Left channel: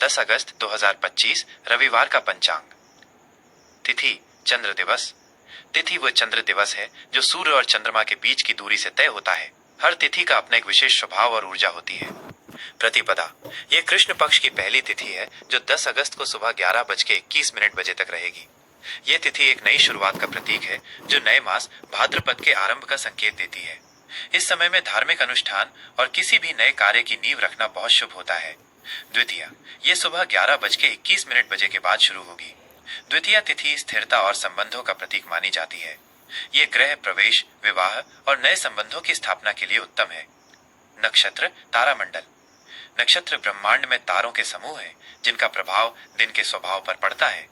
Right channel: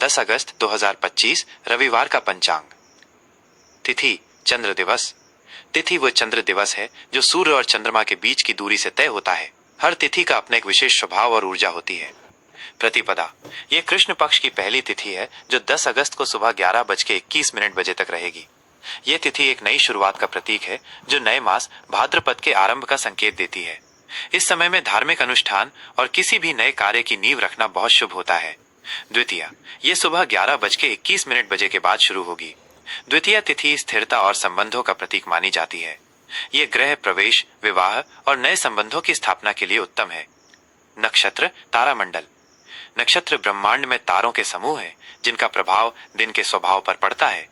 10 अगस्त 2025 रविवार का पंचांग। तिथि चंद्र दिवस। तिथि वो चंद्र दिवस है जो सूर्य और चंद्रमा के बीच की दूरी से तय होता है। हर तिथि का अपना एक विशेष स्वभाव और ऊर्जा होती है। प्रतिपदा ये कृष्ण पक्ष की पहली तिथि है जो 10 अगस्त को सुबह 11:21 बजे तक रहेगी। ये तिथि एक नई शुरुआत का प्रतीक है जो नए मास भाद्रपद के आरंभ का संकेत देती है। इस समय में धार्मिक अनुष्ठान और किसी भी नए कार्य की नींव रखना बहुत शुभ होता है। द्वितीया ये सुबह 11:21 के बाद शुरू होगी। द्वितीया तिथि स्थिरता और संबंधों का प्रतीक मानी जाती है। ये गृह प्रवेश, विवाह और नए संबंधों की स्थापना के लिए उत्तम है। नक्षत्र तारामंडल। नक्षत्र ब्रह्मांड में तारों के समूह हैं जिनका प्रभाव दिन के स्वभाव पर पड़ता है।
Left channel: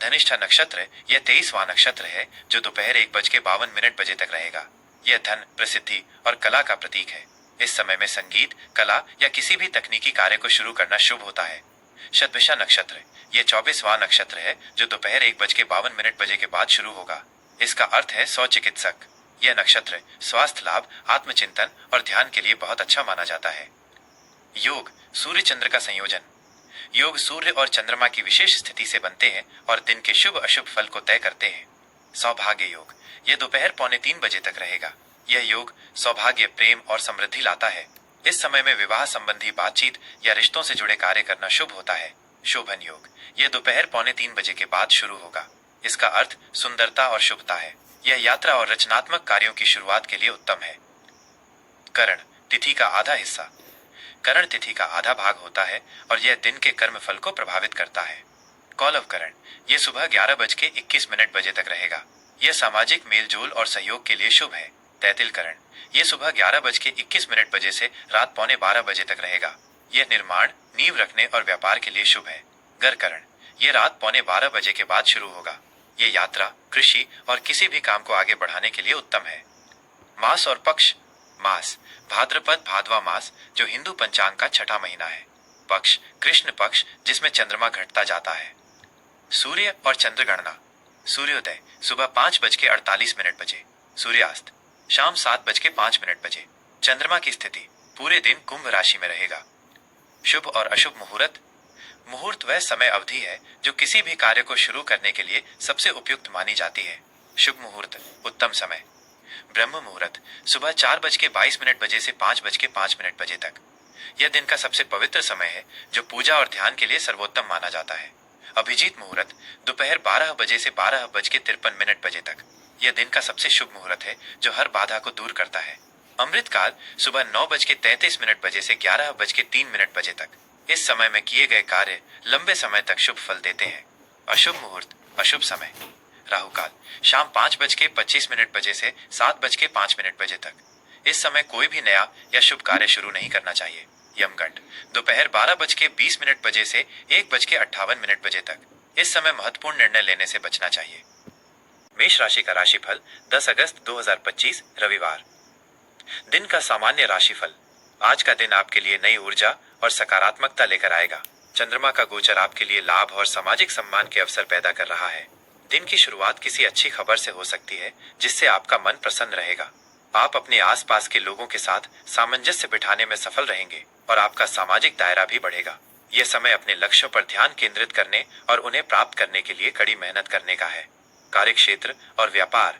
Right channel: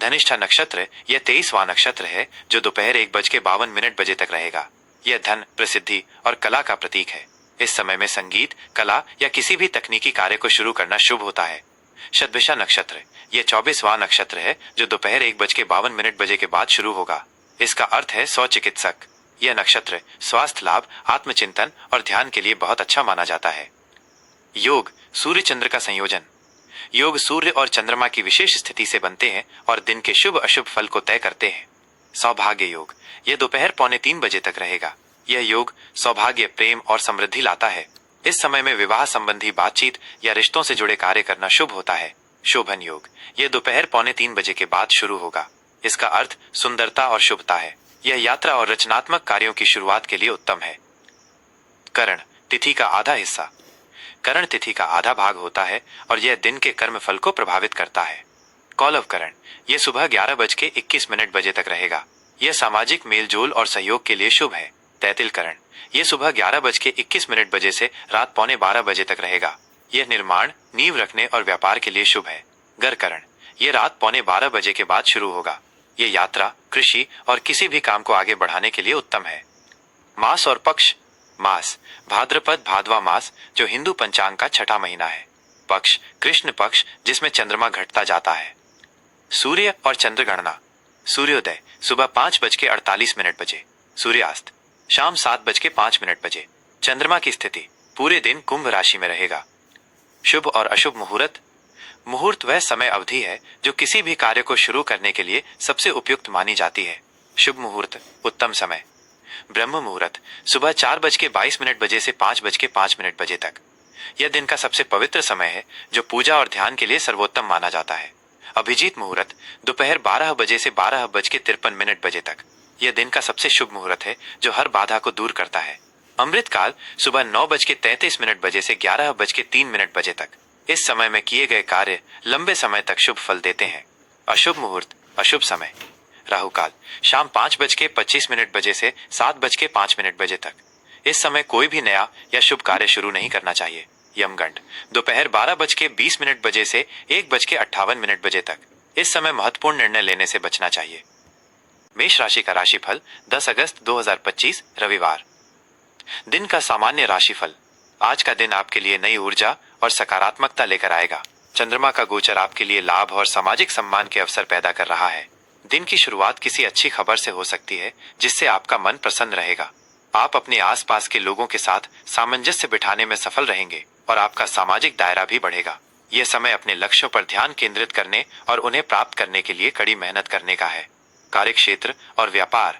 धनिष्ठा नक्षत्र यह 23वां नक्षत्र है जो दोपहर 1:52 तक रहेगा। यह धन, प्रसिद्धि और कला का प्रतीक है। इस समय में संगीत, कला या किसी भी तकनीकी कार्य को शुरू करना शुभ होता है। शतभिषा नक्षत्र यह 24वां नक्षत्र है जो दोपहर 1:52 के बाद शुरू होगा। इसका अर्थ है सौ चिकित्सक। यह नक्षत्र स्वास्थ्य लाभ, आत्मचिंतन और ध्यान के लिए बहुत अच्छा माना जाता है। योग सूर्य चंद्र का संयोजन। योग सूर्य और चंद्रमा की विशेष स्थिति से बनते हैं और दिन के शुभ अशुभ फल को तय करते हैं। सौभाग्य योग यह दोपहर 2:45 तक रहेगा। यह योग सौभाग्य, प्रेम और समृद्धि लाता है। इस समय में विवाह संबंधी बातचीत या रिश्तों से जुड़े कार्य करना शुभ होता है। शोभन योग यह दोपहर 2:45 के बाद शुरू होगा। इसका अर्थ सुंदरता और शुभता है। यह यात्रा और रचनात्मक कार्यों की शुरुआत के लिए उत्तम है। करण तिथि का आधा हिस्सा। करण तिथि का आधा भाग होता है और यह दिन के कर्म फल को प्रभावित करता है। कौलव करण यह सुबह 11:21 तक रहेगा। यह सामाजिक मेलजोल और सहयोग के लिए शुभ है। तैतिल करण यह सुबह 11:21 से रात 11:45 तक रहेगा। यह निर्माण, नींव रखने और व्यापार के लिए शुभ है। गर करण यह रात 11:15 के बाद शुरू होगा। यह यात्रा, कृषि और किसी भी काम को आगे बढ़ाने के लिए उत्तम है। मास और पक्ष। मास भाद्रपद भादवा मास जो हिंदू पंचांग का छठा महीना है। पक्ष कृष्ण पक्ष जिसमें चंद्रमा घटता जाता है। सूर्य और चंद्र गणना। सूर्योदय सुबह 5:48 सूर्यास्त शाम 7:05 चंद्रमा की स्थिति पूरे दिन कुंभ राशि में रहेगा। शुभ और अशुभ मुहूर्त। मुहूर्त वह समय अवधि है जो किसी भी कार्य को शुरू करने के लिए सबसे उपयुक्त मानी जाती है। शुभ मुहूर्त उत्तम समय। ब्रह्म मुहूर्त सुबह 4:22 से 5:05 तक। यह दिन का सबसे पवित्र समय है जो पूजा और ध्यान के लिए सर्वोत्तम माना जाता है। अभिजीत मुहूर्त दोपहर 12 से 12:53 तक। यह दिन का सबसे शुभ मुहूर्त है जो हर बाधा को दूर करता है। अमृत काल सुबह 9:33 से 11:03 तक। इस समय में किए गए कार्य लंबे समय तक शुभ फल देते हैं। अशुभ मुहूर्त अशुभ समय। राहु काल शाम 5:25 से 7:05 तक। इस समय कोई भी नया या शुभ कार्य शुरू नहीं करना चाहिए। यमगंड दोपहर 12:20 से 1:58 तक। इस समय महत्वपूर्ण निर्णय लेने से बचना चाहिए। मेष राशि का राशिफल 10 अगस्त 2025 रविवार। दिन का सामान्य राशिफल। आज का दिन आपके लिए नई ऊर्जा और सकारात्मकता लेकर आएगा। चंद्रमा का गोचर आपके लिए लाभ और सामाजिक सम्मान के अवसर पैदा कर रहा है। दिन की शुरुआत किसी अच्छी खबर से हो सकती है जिससे आपका मन प्रसन्न रहेगा। आप अपने आसपास के लोगों के साथ सामंजस्य बिठाने में सफल रहेंगे और आपका सामाजिक दायरा भी बढ़ेगा। यह समय अपने लक्ष्यों पर ध्यान केंद्रित करने और उन्हें प्राप्त करने के लिए कड़ी मेहनत करने का है। कार्यक्षेत्र और व्यापार।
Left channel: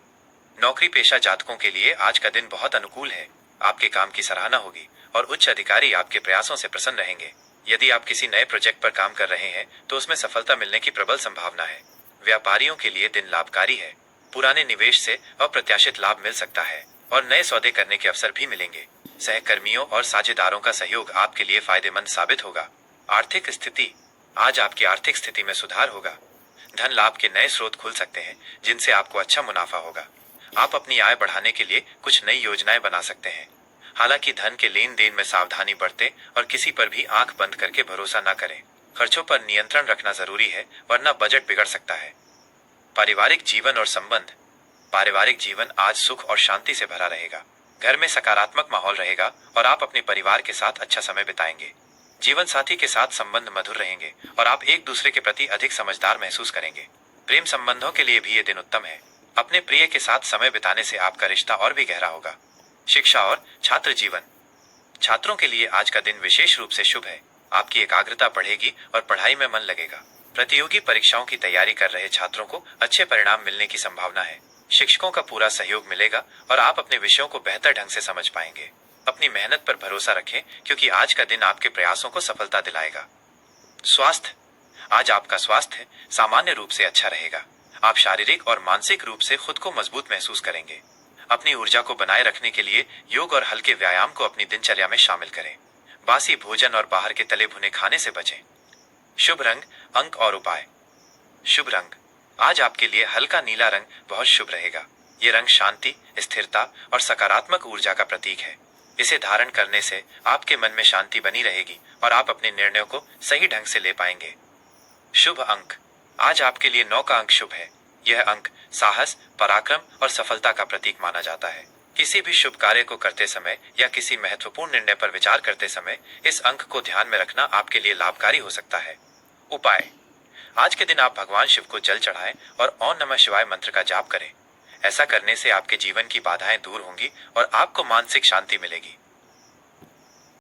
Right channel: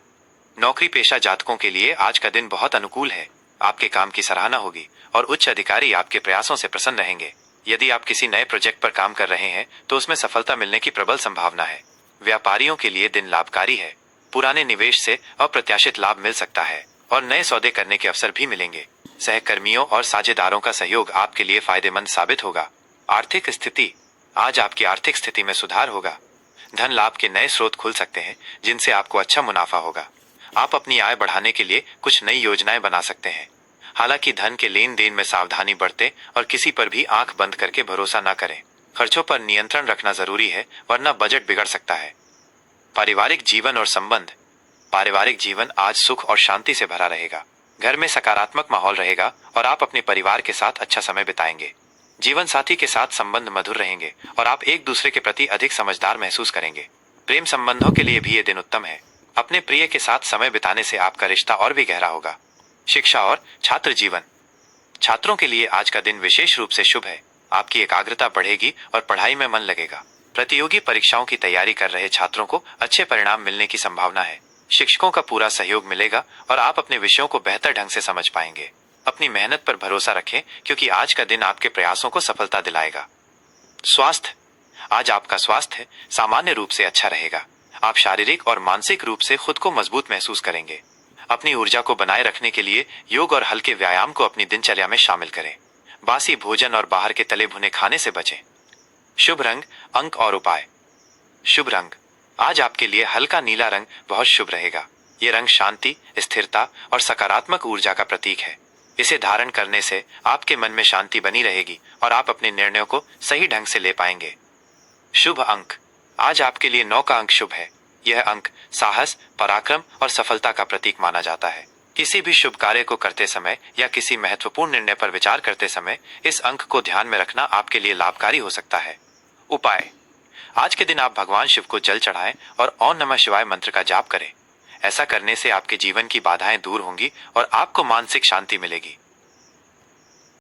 नौकरी पेशा जातकों के लिए आज का दिन बहुत अनुकूल है। आपके काम की सराहना होगी और उच्च अधिकारी आपके प्रयासों से प्रसन्न रहेंगे। यदि आप किसी नए प्रोजेक्ट पर काम कर रहे हैं तो उसमें सफलता मिलने की प्रबल संभावना है। व्यापारियों के लिए दिन लाभकारी है। पुराने निवेश से अप्रत्याशित लाभ मिल सकता है और नए सौदे करने के अवसर भी मिलेंगे। सहकर्मियों और साझेदारों का सहयोग आपके लिए फायदेमंद साबित होगा। आर्थिक स्थिति। आज आपकी आर्थिक स्थिति में सुधार होगा। धन लाभ के नए स्रोत खुल सकते हैं जिनसे आपको अच्छा मुनाफा होगा। आप अपनी आय बढ़ाने के लिए कुछ नई योजनाएं बना सकते हैं। हालांकि धन के लेन देन में सावधानी बरतें और किसी पर भी आंख बंद करके भरोसा न करें। खर्चों पर नियंत्रण रखना जरूरी है वरना बजट बिगड़ सकता है। पारिवारिक जीवन और संबंध। पारिवारिक जीवन आज सुख और शांति से भरा रहेगा। घर में सकारात्मक माहौल रहेगा और आप अपने परिवार के साथ अच्छा समय बिताएंगे। जीवन साथी के साथ संबंध मधुर रहेंगे और आप एक दूसरे के प्रति अधिक समझदार महसूस करेंगे। प्रेम संबंधों के लिए भी ये दिन उत्तम है। अपने प्रिय के साथ समय बिताने से आपका रिश्ता और भी गहरा होगा। शिक्षा और छात्र जीवन। छात्रों के लिए आज का दिन विशेष रूप से शुभ है। आपकी एकाग्रता बढ़ेगी और पढ़ाई में मन लगेगा। प्रतियोगी परीक्षाओं की तैयारी कर रहे छात्रों को अच्छे परिणाम मिलने की संभावना है। शिक्षकों का पूरा सहयोग मिलेगा और आप अपने विषयों को बेहतर ढंग से समझ पाएंगे। अपनी मेहनत पर भरोसा रखें, क्योंकि आज का दिन आपके प्रयासों को सफलता दिलाएगा। स्वास्थ्य। आज आपका स्वास्थ्य सामान्य रूप से अच्छा रहेगा। आप शारीरिक और मानसिक रूप से खुद को मजबूत महसूस करेंगे। अपनी ऊर्जा को बनाए रखने के लिए योग और हल्के व्यायाम को अपनी दिनचर्या में शामिल करें। बासी भोजन और बाहर के तले भुने खाने से बचें। शुभ रंग, अंक और उपाय। शुभ रंग। आज आपके लिए हल्का नीला रंग बहुत शुभ रहेगा। ये रंग शांति, स्थिरता और सकारात्मक ऊर्जा का प्रतीक है। इसे धारण करने से आपके मन में शांति बनी रहेगी और आप अपने निर्णयों को सही ढंग से ले पाएंगे। शुभ अंक। आज आपके लिए 9 का अंक शुभ है। यह अंक साहस, पराक्रम और सफलता का प्रतीक माना जाता है। किसी भी शुभ कार्य को करते समय या किसी महत्वपूर्ण निर्णय पर विचार करते समय इस अंक को ध्यान में रखना आपके लिए लाभकारी हो सकता है। उपाय। आज के दिन आप भगवान शिव को जल चढ़ाएं और ओम नमः शिवाय मंत्र का जाप करें। ऐसा करने से आपके जीवन की बाधाएं दूर होंगी और आपको मानसिक शांति मिलेगी।